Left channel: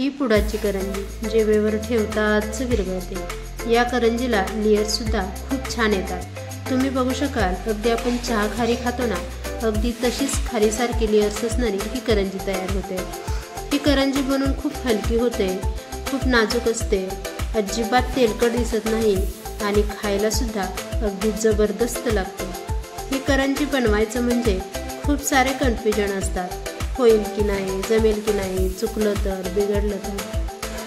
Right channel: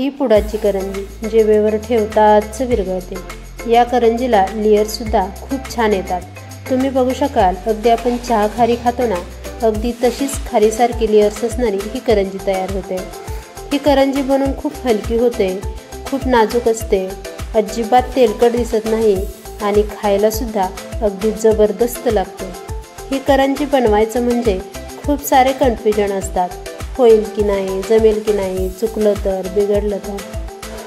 ही पुडाची करंजी जेवेवर ठेवताच विरघळते। या करंजीला लेयर सुद्धा खूप छान येतात। तुम्ही बघू शकाल, अगदी आपण चहा खारी खातो ना, अगदी तशीच खारीसारखी लेयर्स असणारी ही करंजी तयार होते। ही करंजी बनवून खूप हलकी होते, खूप नाजूक असते, अजिबात तेलकट दिसत नाही आणि खायला सुद्धा अगदी जबरदस्त लागते। ही करंजी बनवायचं म्हणजे खूप सारे कन्फ्युजन असतात, होईल की नाही, जमेल की नाही, चुकलं तर, बिघडलं तर।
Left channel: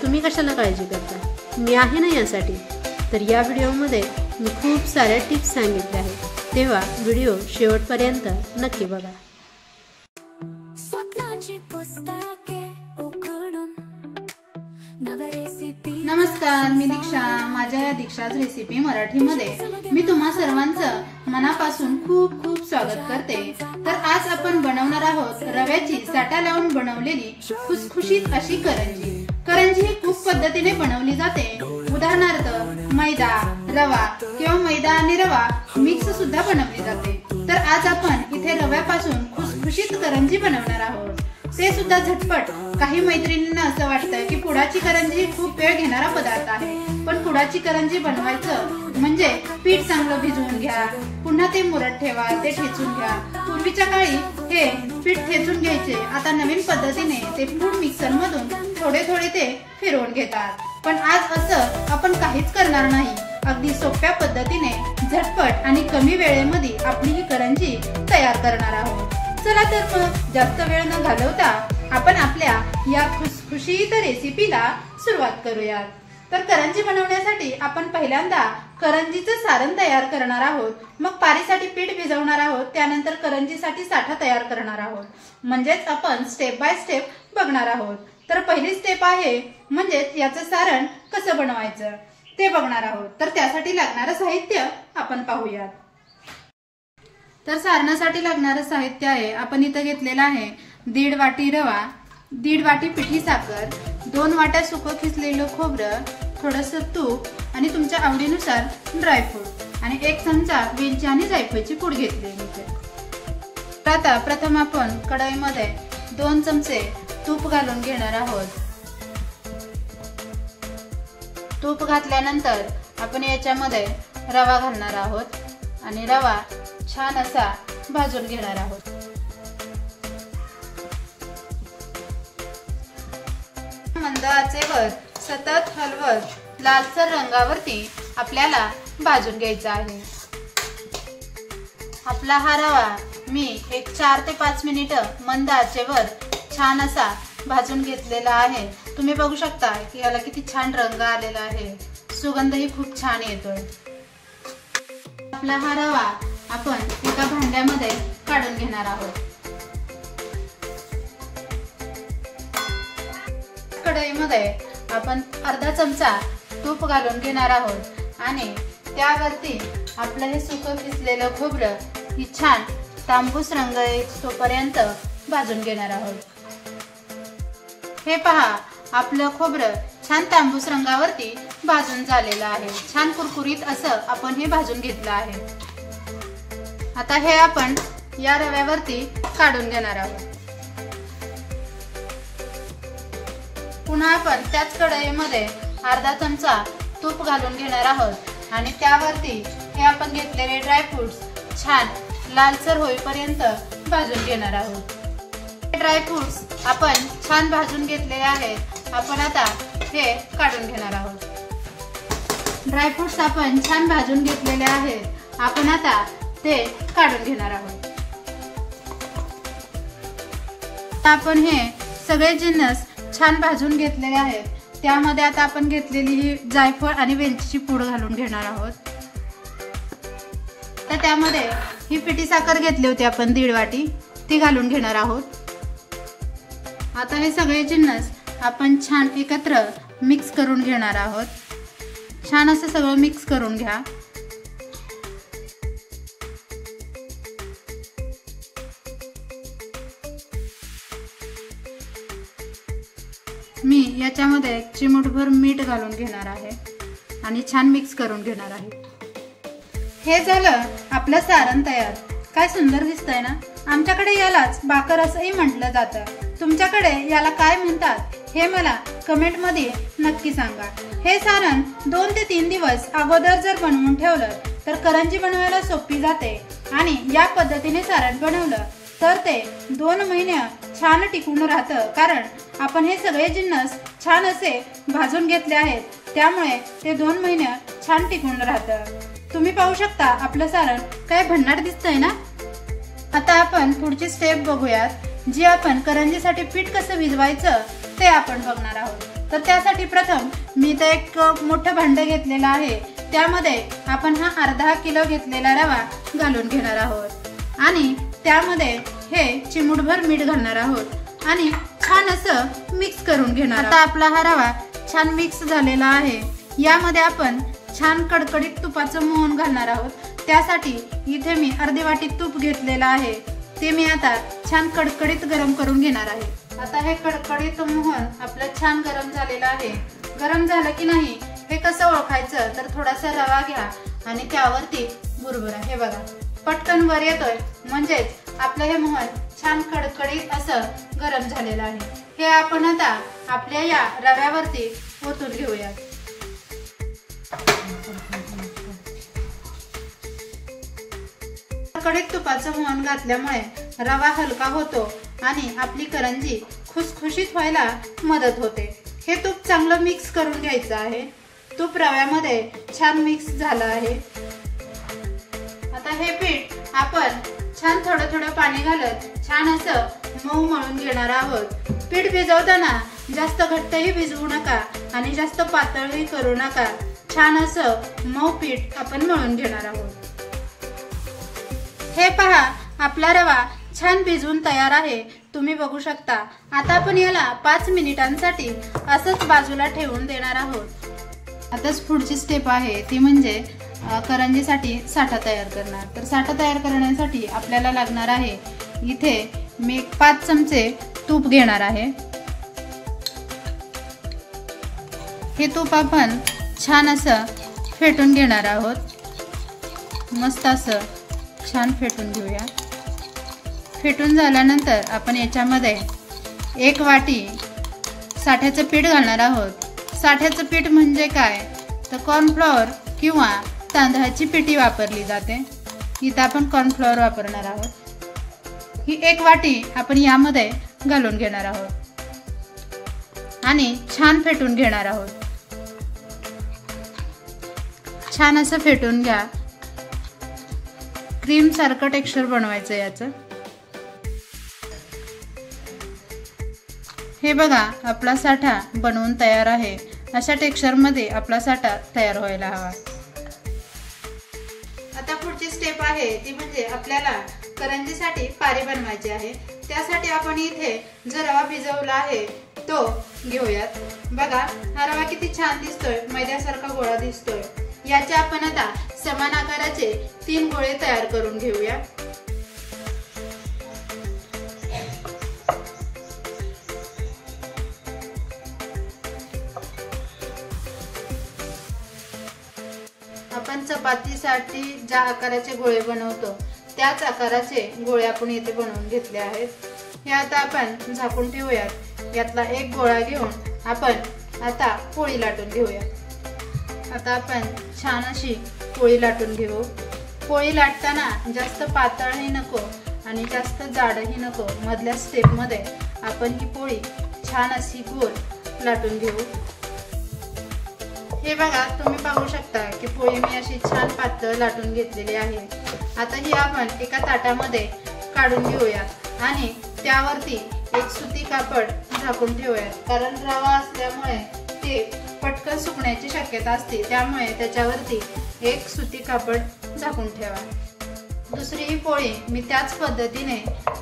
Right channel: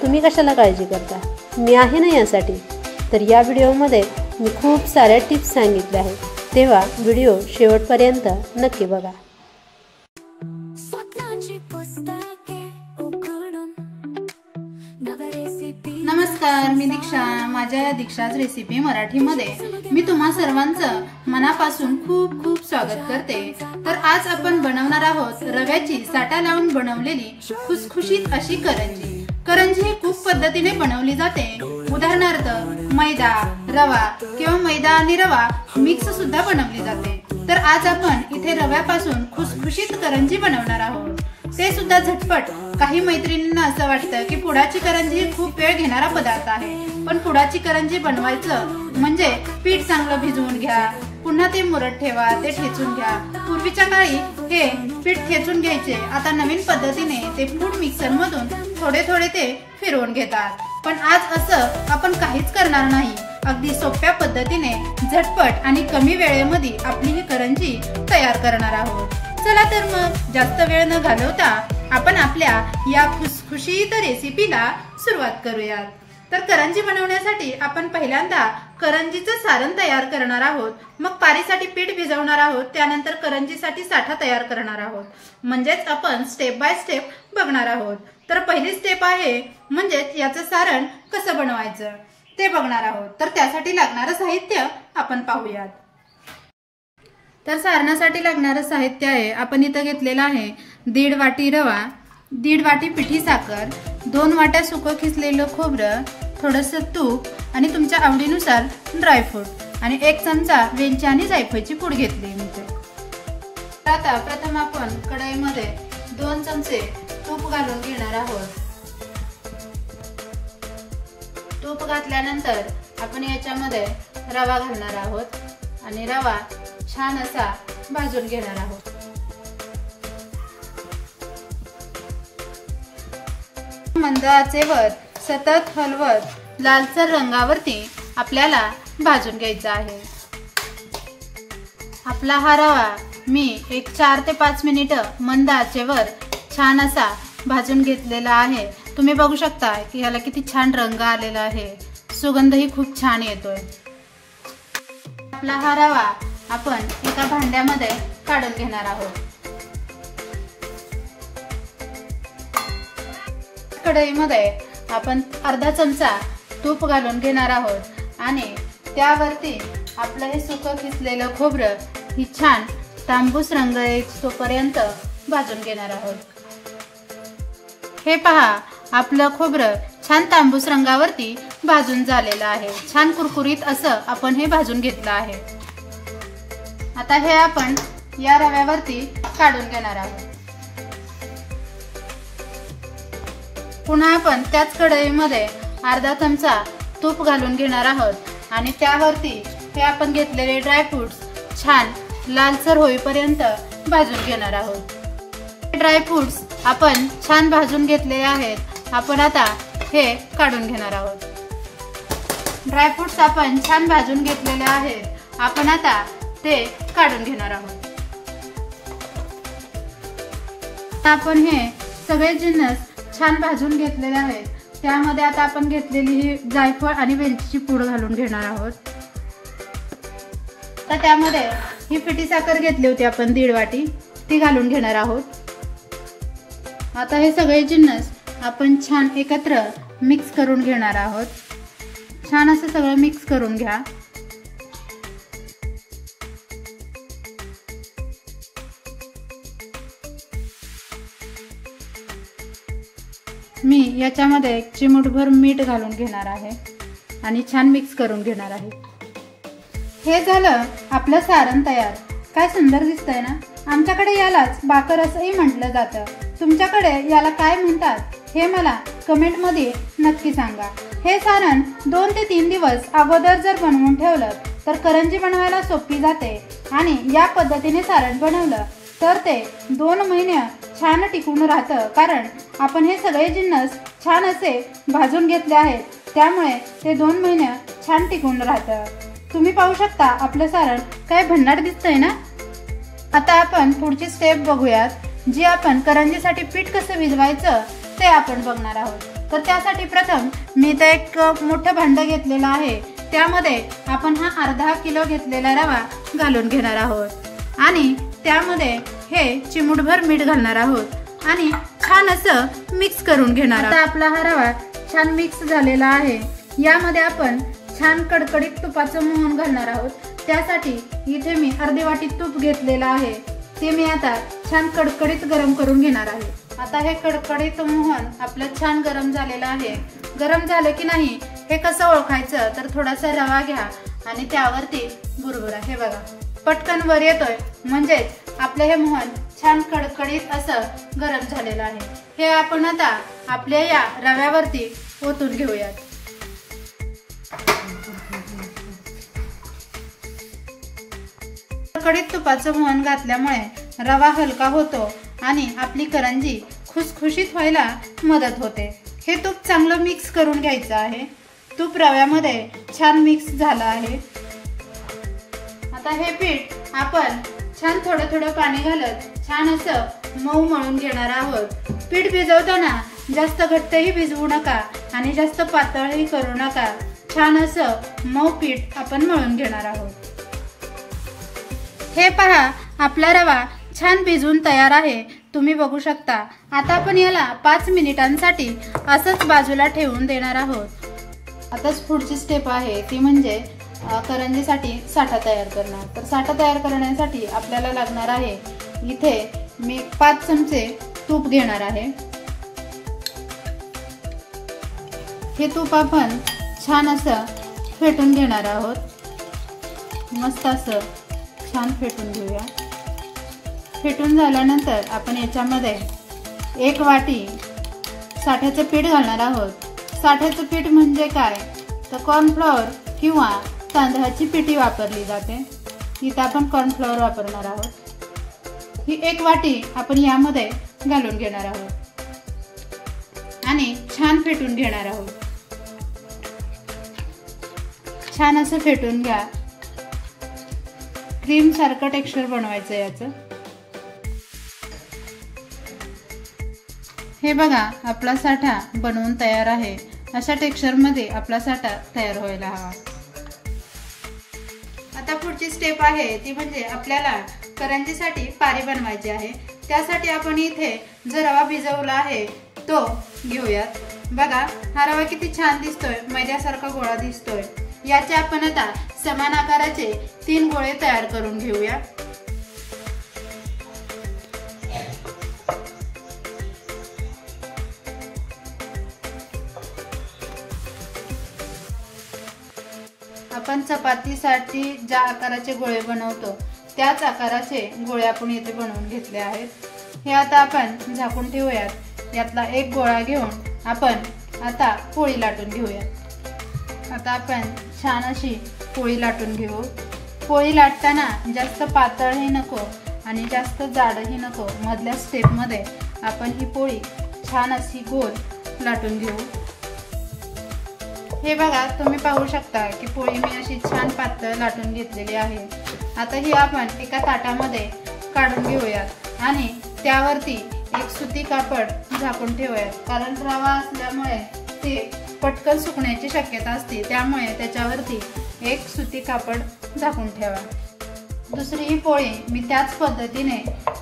तुम्ही कशाला काळजी करता, मी आहे ना यासाठी। तर या व्हिडिओमध्ये मी खूप साऱ्या टिप्स सांगितल्या आहेत, तेव्हा व्हिडिओ शेवटपर्यंत नक्की बघा। नमस्कार, मी दीक्षा। माझ्या दीक्षाच रेसिपी मराठीमध्ये मी तुम्हा सर्वांचं मनापासून खूप खूप स्वागत करते। तर आज आपण बनवणार आहोत रव्याची साठा लावून बनवलेली खुसखुशीत अशी करंजी। करंजी ही खूप पद्धतीने बनवली जाते। उदाहरणार्थ मैदा, रवा किंवा मैदा आणि रवा मिक्स सुद्धा बनवली जाते। तर आज आपण इथे रव्यापासून खुसखुशीत करंजी बनवणार आहोत, ते सुद्धा झटपट। काही मैत्रिणींना असं वाटतं की पुडाची करंजी खूप वेळ घेणारा पदार्थ आहे, पण पुडाची करंजी बनवायचं म्हणजे पीठ चांगलं भिजवून घ्या, पुन्हा ते मुरत ठेवा, ते ठेचून घ्या। पूर्वीच्या काळी हे पीठ ठेचून घ्यायचे, आता नवीन पद्धतीने ते फूड मिक्सर मधून थोडे थोडे ते फिरवून घेतात। पण आज असं आपण काहीच करणार नाही, अगदी सोप्या पद्धतीने झटपट आणि कमी वेळेमध्ये आपली ही करंजी तयार करणार आहोत। चला तर मग जास्त वेळ न घालवता आपण आपल्या या खुसखुशीत रेसिपीला सुरुवात करूयात। तर करंजी बनवण्यासाठी आपण पहिल्यांदा करंजीचं सारण तयार करणार आहोत, मग पारीसाठी पीठ भिजवणार आहोत, त्यानंतर करंजीसाठी साठा तयार करणार आहोत। म्हणजेच आपण स्टेप बाय स्टेप बघणार आहोत। तर पहिली स्टेप आहे म्हणजे याचं सारण कसं बनवायचं ते बघणार आहोत। तर त्यासाठी लागणारं साहित्य आपण पाहूयात। तर सारणासाठी लागणारं साहित्य आहे, आपण इथं घेतलेलं आहे 1.5 वाटी रवा, 1.5 वाटी पिठी साखर, 2 वाट्या सुकं खिसलेलं खोबरं, थोडंसं तूप आणि तुमच्या आवडीनुसार ड्रायफ्रूट आणि 1 चमचा वेलची आणि जायफळची पूड घेतली आहे। आता प्रथम आपण कढईमध्ये 2 चमचे तूप घालून घेणार आहोत। तूप घातल्यानंतर आपण याच्यामध्ये रवा घालणार आहोत आणि रवा छान असा भाजून घेणार आहोत। मंद आचेवर सतत हलवत लालसर रंगावरती आपल्याला भाजून घ्यायचा आहे। आपला हा रवा मी 4 ते 5 मिनिटं मंद आचेवर छान असा भाजून घेतलेला आहे। तुम्ही बघू शकता की याला किती छान रंग आलेला आहे, सुगंधही खूप छान येतोय। आपला हा रवा आपण एका भांड्यामध्ये काढून घेणार आहोत। कढईमध्ये आपण अर्धा चमचा तूप घालून घेणार आहोत आणि त्यावरती आपलं हे सुकं खिसलेलं खोबरं ही छान तांबूस रंग येईपर्यंत भाजून घेणार आहोत। हे पहा, आपलं खोबरं छान तांबूस रंगावरती भाजून झालेलं आहे। छान कुरकुरीत असं आपण हे भाजून घेतलं आहे। आता हे आपण या रव्यावरती काढून घेणार आहोत। पुन्हा आपण त्याच कढईमध्ये अर्धा चमचा तूप घालून घेणार आहोत आणि त्यावरती हे आपण घेतलेले ड्रायफ्रुट्स छान लालसर होईपर्यंत भाजून घेणार आहोत। ड्रायफ्रुट्स आपण छान भाजून घेतलेले आहेत, आपण आता हे काढून घेणार आहोत। ड्रायफ्रुट्स आपण छान भाजून घेतलेले आहेत, आपण आता ते काढून घेणार आहोत। आपण हे सगळे जिन्नस छान भाजून घेतलेले आहेत, त्यामध्ये आता आपण घेतलेली ही जायफळ आणि वेलचीची पूड घालून घेणार आहोत। तर त्यामध्ये ही पिठी साखर घेतली होती आपण 1.5 वाटी, ती घालून घेणार आहोत। आता हे सगळे जिन्नस आपण छान एकत्र मिक्स करून घेणार आहोत। छान असं सगळं मिक्स करून घ्या। मी याच्यामध्ये चिमूटभर मीठ घालून घेणार आहे आणि छान मिक्स करून घेणार आहे। हे झालं आपलं सारण तयार। काय सुंदर दिसतंय ना। आमच्याकडे यालाच बाकर असंही म्हटलं जातं, तुमच्याकडे याला काय म्हणतात हे मला कमेंटमध्ये नक्की सांगा। हे सारण 2 ते 3 दिवस अगोदर जर बनवून ठेवलं तर करंजी बनवायला सोपी जाते आणि या पद्धतीने सारण बनवलं तर ते 2 महिने छान टिकून राहतं, कारण आपण हे सगळे जिन्नस छान असे भाजून घेतले आहेत, त्यामुळे ते 2 महिने छान टिकून राहतं। तुम्ही पाहू शकता आपलं सारण काय भन्नाट दिसतंय ना। आता आपण पुढची स्टेप बघूयात, जी आपण करंजीसाठी पीठ कसं भिजवायचं ते आपण बघणार आहोत। तर त्यासाठी प्रथम मी इथे एक मोठं भांड घेतलेलं आहे, त्यामध्ये आपण हा अर्धा किलो घेतलेला रवा घालून घेणार आहोत आणि त्यामध्ये हे चिमूटभर मीठ घालणार आहोत आणि छान असं मिक्स करून घेणार। आता आपला हा रवा छान मिक्स झालेला आहे, यामध्ये आपण छान कडकडीत तुपाचं मोहन घालणार आहोत। त्यासाठी इथे मी अर्धी वाटी तूप घेतलेलं आहे, ते मी आता छान कडकडीत गरम करून घेणार आहे। आता हे कडकडीत मोहन आपलं छान गरम झालेलं आहे। गरम झालं की नाही हे कसं ओळखायचं, तर थोडासा रवा घ्या आणि त्यावरती बुरबुरा, हे बघा पटकन वर येतोय, म्हणजेच आपले हे मोहन छान कडकडीत असं गरम झालेलं आहे। हे आपण आता आपल्या या रव्यावरती ओतून घेऊयात। कडकडीत तुपाचं मोहन घातल्यामुळे रवा हलका होतो आणि आपली करंजी खुसखुशीत व्हायला मदत होते। हे तूप चांगलं मिक्स करून घ्यायचं आहे। तूप रव्यामध्ये छान मिक्स झालं आहे। आता हे पीठ आपण छान थोडं थोडं पाणी घालत छान असं मऊ मळून घेणार आहोत। पीठ भिजवताना जास्त घट्टही भिजवू नका आणि जास्त पातळही करू नका, छान असं मऊ पीठ आपण मळून घेणार आहोत। हे पहा आपला रवा छान भिजून तयार आहे, तुम्ही बघू शकता। आता आपण याला 5 मिनिटांसाठी असंच बाजूला ठेवून देणार आहोत। आताच पुढची स्टेप आहे ती म्हणजे करंजीसाठी साठा तयार करणार। तर साठा तयार करण्यासाठी आपल्याला लागणार आहे, इथे मी 5 चमचे तूप घेणार आहे। हे तूप आपण छान असं फेटून घेणार आहोत। मस्त असं छान फेटून घेऊया। फेटून झाल्यानंतर आपण याच्यामध्ये 1 वाटी साठ्याचं पीठ घालणार आहोत। साठ्याचं पीठ म्हणजे काय, तर कॉर्नफ्लॉवर किंवा तांदळाची पिठी वापरली जाते, इथं आपण कॉर्नफ्लॉवर वापरणार आहोत। ही 1 वाटी आपण यामध्ये घालून घेणार आहोत आणि छान फेटून घेणार आहोत। छान असं फेटून घ्या, क्रीम सारखं टेक्स्चर बनवायचं याचं। हे बघा आपला साठा बनवून तयार आहे। अशा टेक्स्चर मध्ये आपला साठा तयार व्हायला हवा। आता पुढची स्टेप आहे ती म्हणजे आपल्याला करंजीसाठी पारी बनवायची आहे। त्यासाठी आपण इथे जो रवा भिजवला आहे तो घेऊयात। बघा हा रवा किती छान दिसतोय, मैद्यासारखा गोळा दिसतोय। याचे आपण आता समान आकाराचे 3 गोळे तयार करून घेऊया। आपण चपातीसाठी ज्या आकाराचे गोळे बनवतो त्याच आकाराचे गोळे आपण येथे बनवून घेतले आहेत। हे आता आपण झाकून ठेवूयात। यातला 1 गोळा घेऊन आपण आता पोळी लाटून घेऊया। आता आपण छान अशी पोळी लाटून घेऊ। पोळी लाटताना जास्त पातळही नको आणि जास्त जाडही नको, मधल्या स्टेप मध्ये आपण ही पोळी छान अशी गोल लाटून घेऊ। हे बघा तुम्ही पाहू शकता की पोळी मी अशी छान पातळ लाटून घेतलेली आहे। आता ही आपण एका ताटामध्ये काढून घेऊयात आणि त्यावरती एक सुती कापड झाकून ठेवूयात, कारण रवा असल्यामुळे ते पटकन सुकण्याची शक्यता असते, त्यामुळे त्याच्यावरती एक सुती कापड झाकून ठेवा। दुसरी ही पोळी मी त्याच पद्धतीने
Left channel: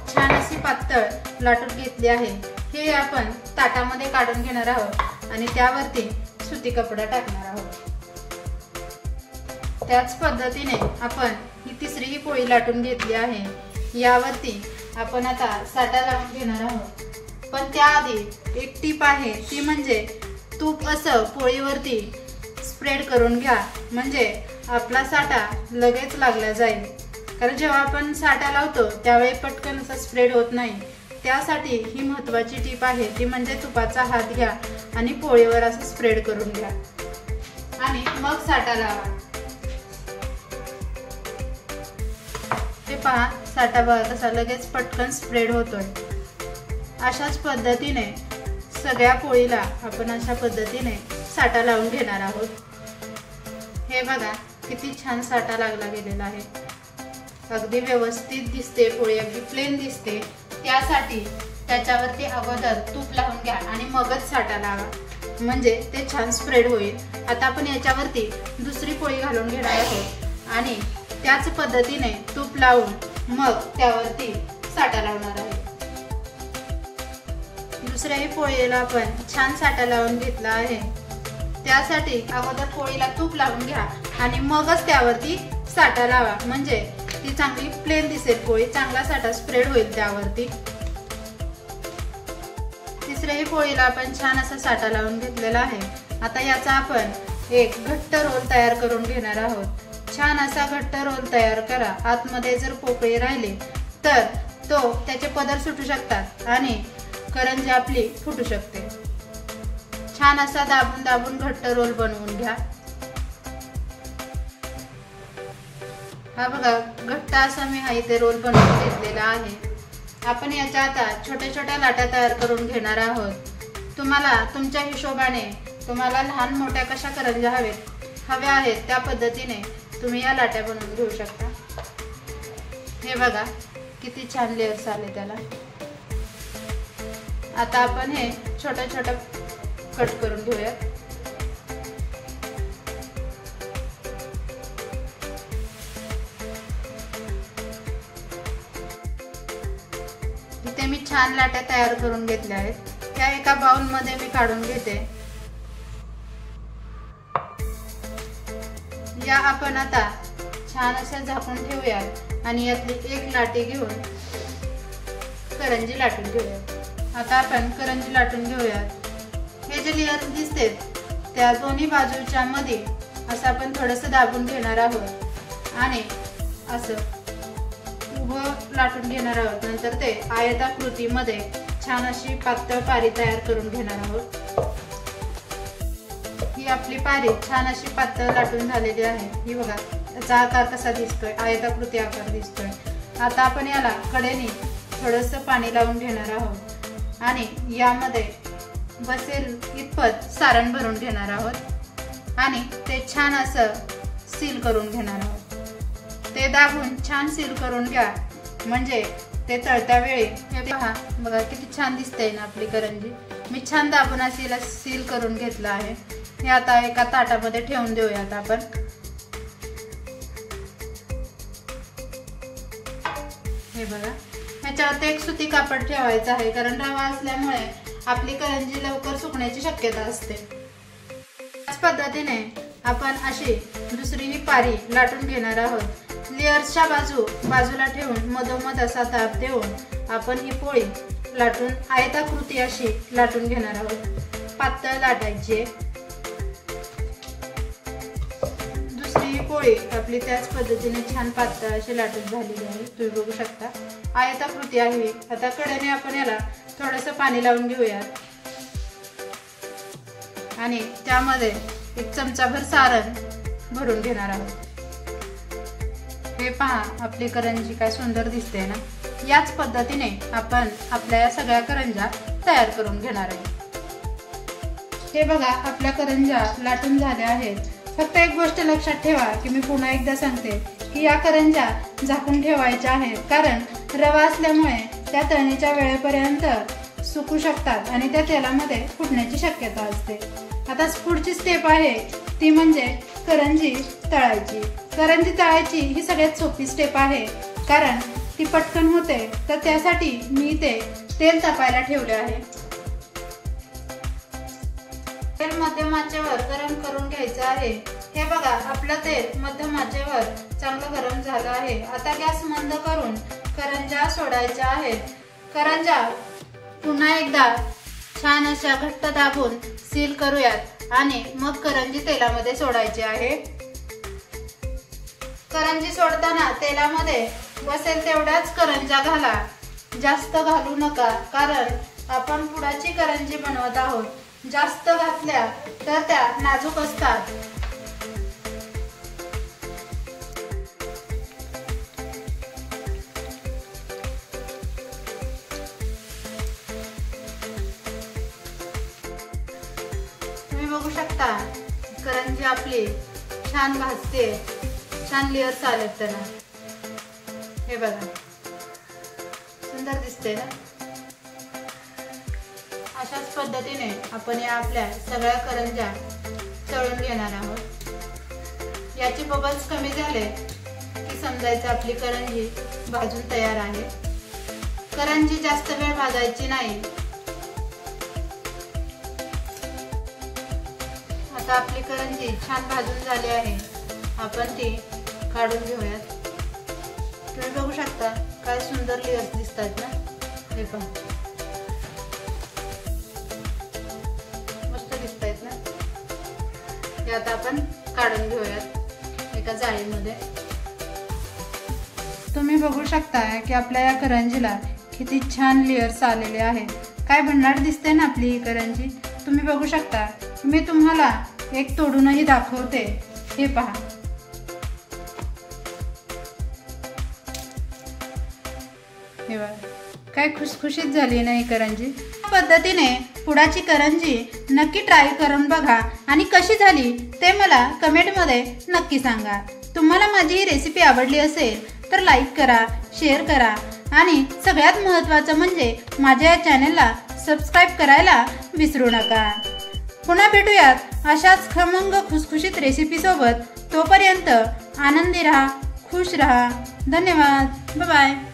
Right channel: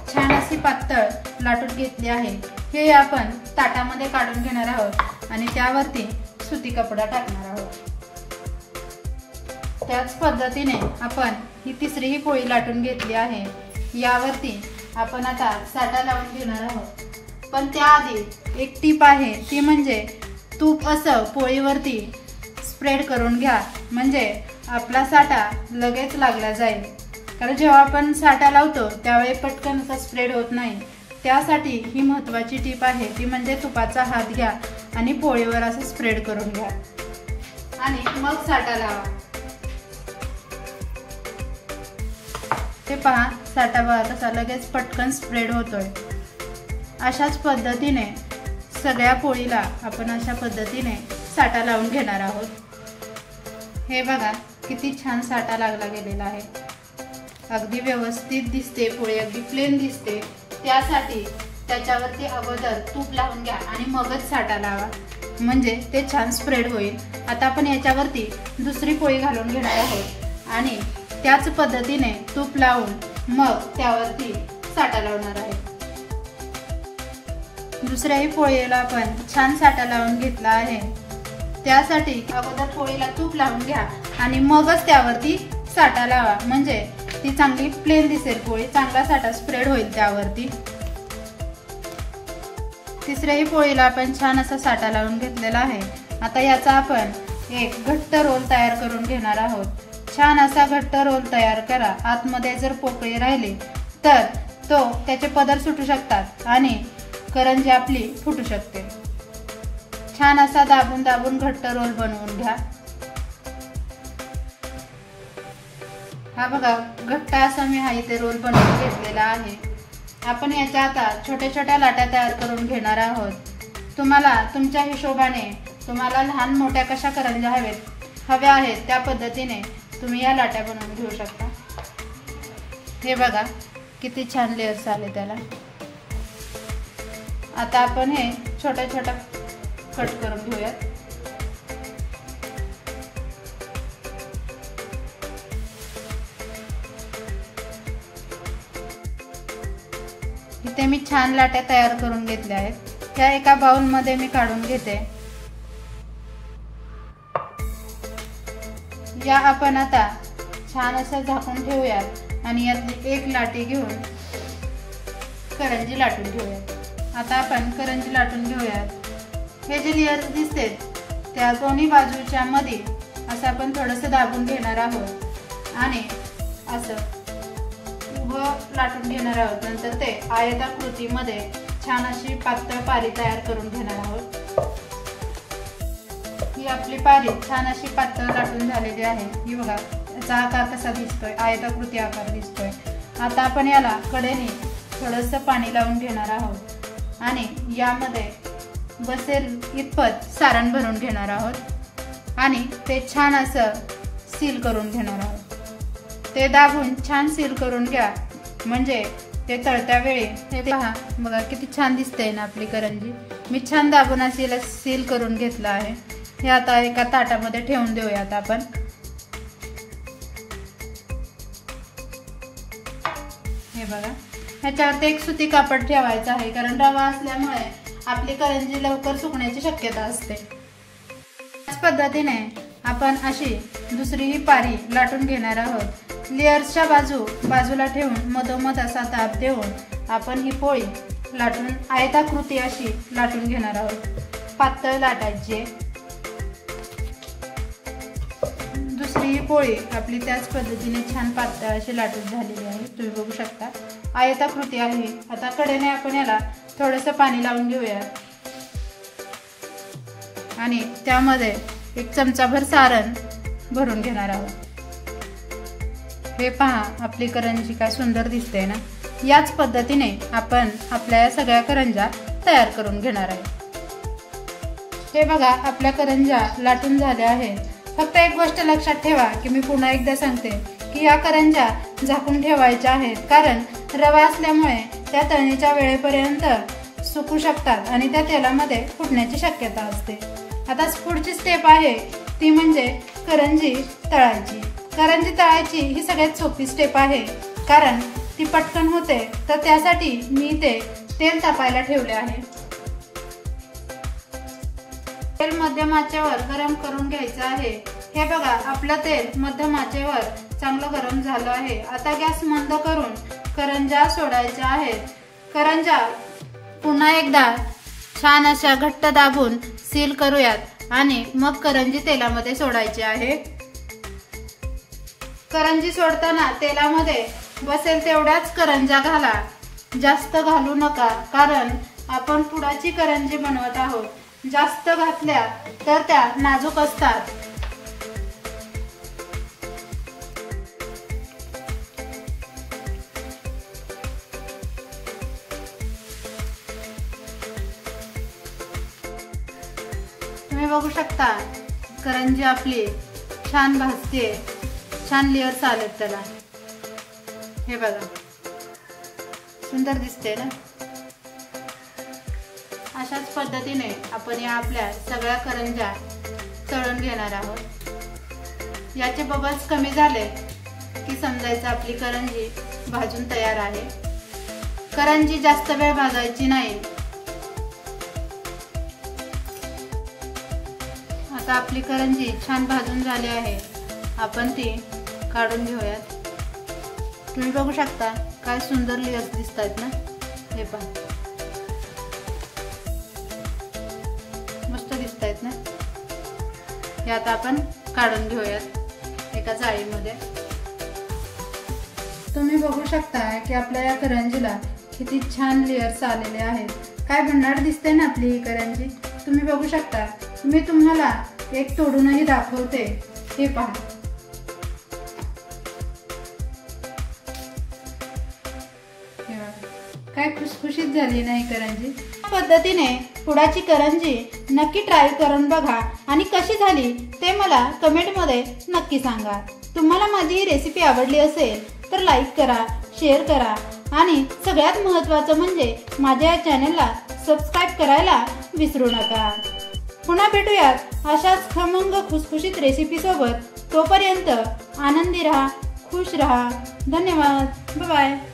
छान अशी पातळ लाटून घेतली आहे। हे आपण ताटामध्ये काढून घेणार आहोत आणि त्यावरती सुती कपडा टाकणार आहोत। त्याच पद्धतीने आपण ही तिसरी ही पोळी लाटून घेतली आहे, यावरती आपण आता साठा लावून घेणार आहोत। पण त्याआधी एक टीप आहे ती म्हणजे तूप असं पोळीवरती स्प्रेड करून घ्या, म्हणजे आपला साठा लगेच लागला जाईल। कारण जेव्हा आपण साठा लावतो त्यावेळी पटकन असा स्प्रेड होत नाही, त्यासाठी ही महत्त्वाची टीप आहे, ती म्हणजे तुपाचा हात घ्या आणि पोळीवर असं स्प्रेड करून घ्या आणि मग साठा लावा। हे पहा, साठा बघा कसा लगेच पटकन स्प्रेड होतोय। अशाच पद्धतीने सगळ्या पोळीला आपण अशा पद्धतीने साठा लावून घेणार आहोत। हे बघा किती छान साठा लागला गेलेला आहे, अगदी व्यवस्थित दिसते पोळी, अगदी प्लेन दिसते। त्यासाठी त्याच्यावरती अगोदर तूप लावून घ्या आणि मगच साठा लावा, म्हणजे ते छान स्प्रेड होईल। आता आपण याच्यावरती दुसरी पोळी घालून घेणार आहोत आणि त्याच पद्धतीने तूप लावून मग त्यावरती साठा लावणार आहे। दुसऱ्याही पोळीला आपण छान साठा लावून घेतला आहे। त्यासाठी अगोदर पोळीला तूप लावून घ्या आणि मगच त्यावरती साठा लावा, म्हणजे ती चांगली प्लेन दिसेल पोळी, चांगला साठा स्प्रेड होईल त्यावरती। तिसऱ्याही पोळीला आपण छान असा साठा लावून घेतलेला आहे। आता याचा आपण एक घट्ट रोल तयार करून घेणार आहोत। छान असा घट्ट रोल तयार करा। आतमध्ये जर पोकळी राहिली तर त्याचे पदर सुटू शकतात आणि करंजी आपली फुटू शकते। छान असा दाबून दाबून घट्ट रोल बनवून घ्या। हा बघा, घट्ट असा मी हा इथे रोल बनवून घेतलेला आहे। आपण याच्या आता छोट्या छोट्या लाट्या तयार करून घेणार आहोत। तुम्हाला तुमच्या हिशोबाने तुम्हाला लहान मोठ्या कशा करंज्या हव्या आहेत त्या पद्धतीने तुम्ही या लाट्या बनवून घेऊ शकता। हे बघा किती छान लेयर्स आले त्याला। आता आपण हे छोट्या छोट्या कट करून घेऊयात। इथे मी छान लाट्या तयार करून घेतल्या आहेत, त्या एका बाउल मध्ये मी काढून घेते। या आपण आता छान असं झाकून ठेवूयात आणि यातली एक लाटी घेऊन करंजी लाटून घेऊयात। आता आपण करंजी लाटून घेऊयात। हे जे लेयर्स दिसते त्या दोन्ही बाजूच्या मध्ये असं आपण थोडंसं दाबून घेणार आहोत आणि असं उभं लाटून घेणार आहोत। नंतर ते आयताकृतीमध्ये छान अशी पातळ पारी तयार करून घेणार आहोत। ही आपली पारी छान अशी पातळ लाटून झालेली आहे। ही बघा, याचा आकार कसा दिसतोय, आयताकृती आकार दिसतोय। आता आपण याला कडेने थोडंसं पाणी लावून घेणार आहोत आणि यामध्ये बसेल इतपत सारण भरून घेणार आहोत आणि ते छान असं सील करून घेणार आहोत। ते दाबून छान सील करून घ्या, म्हणजे ते तळत्या वेळी हे पहा बघा किती छान दिसते ना आपली करंजी। मी छान दाबून असे सील करून घेतलं आहे। हे आता एका ताटामध्ये ठेवून देऊयात आपण। हे बघा, ह्याच्यावरती एक सुती कापड ठेवायचं आहे, कारण रवा असल्यामुळे आपली करंजी लवकर सुकण्याची शक्यता असते। त्याच पद्धतीने आपण अशी दुसरी पारी लाटून घेणार आहोत। लेयर्सच्या बाजूला ठेवून मधोमध असा दाब देऊन आपण ही पोळी लाटून आयताकृती अशी लाटून घेणार आहोत। पातळ लाटायची। दुसरी पोळी आपली त्याच पद्धतीने छान पातळ अशी लाटून झालेली आहे, तुम्ही बघू शकता आयताकृती आहे। आता कडेने आपण याला थोडंसं पाणी लावून घेऊयात आणि त्यामध्ये एक चमचाभर सारण भरून घेणार आहोत। हे पहा आपली करंजी काय सुंदर दिसते ना। याच पद्धतीने आपण आपल्या सगळ्या करंज्या तयार करून घेणार आहे। हे बघा, आपल्या करंज्या लाटून झाल्या आहेत। फक्त एक गोष्ट लक्षात ठेवा की मी पुन्हा एकदा सांगते की या करंज्या झाकून ठेवायच्या आहेत, कारण रवा असल्यामुळे त्या तळणीच्या वेळेपर्यंत सुकू शकतात आणि त्या तेलामध्ये फुटण्याची शक्यता असते। आता पुढची स्टेप आहे ती म्हणजे करंजी तळायची। करंजी तळायची ही सगळ्यात सोपी स्टेप आहे, कारण ती पटकन होते। तर त्यासाठी मी इथे तेल तापायला ठेवले आहे। तेल मध्यम आचेवर गरम करून घ्यायचं आहे। हे बघा, आपलं तेल मध्यम आचेवर चांगलं गरम झालं आहे। आता गॅस मंद करून करंज्या सोडायच्या आहेत। करंज्या पुन्हा एकदा छान अशा घट्ट दाबून सील करूयात आणि मग करंजी तेलामध्ये सोडायची आहे। करंजी सोडताना तेलामध्ये बसेल तेवढ्याच करंज्या घाला, जास्त घालू नका, कारण आपण पुडाची करंजी बनवत आहोत. जास्त घातल्या तर त्या नाजूक असतात. तुम्ही बघू शकता करंजी आपली छान भाजते, छान लेअर्स आलेत त्याला. हे बघा, सुंदर दिसते ना. अशाच पद्धतीने आपण या आपल्या सगळ्या करंज्या तळून घेणार आहोत. याचे बबल्स कमी झाले की समजायचं आपली करंजी भाजून तयार आहे. करंजी जास्त वेळ भाजायची नाही. आता आपली करंजी छान भाजून झाली आहे. आपण ती काढून घेऊयात. तुम्ही बघू शकता काय सुंदर लेयर्स दिसतात ना. हे पण मस्त दिसत आहेत ना. हे आता आपण काढून घेऊयात एका जाळीमध्ये. तुम्ही बघू शकता की आपल्या या करंजीला किती छान लेयर्स आलेले आहेत. काय भन्नाट दिसते ना आपली ही करंजी. तुम्ही बघू शकता. मी तुम्हाला एक तोडूनही दाखवते. हे पहा. काय खुसखुशीत झाली नाही करंजी. पद्धतीने पुडाची करंजी नक्की ट्राय करून बघा आणि कशी झाली ते मला कमेंट मध्ये नक्की सांगा. तुम्हाला माझी ही रेसिपी आवडली असेल तर लाईक करा, शेअर करा आणि सगळ्यात महत्त्वाचं म्हणजे माझ्या या चॅनलला सबस्क्राईब करायला विसरू नका. पुन्हा भेटूयात अशाच खमंग खुसखुशीत रेसिपी सोबत. तोपर्यंत आनंदी राहा, खुश राहा. धन्यवाद. Bye bye.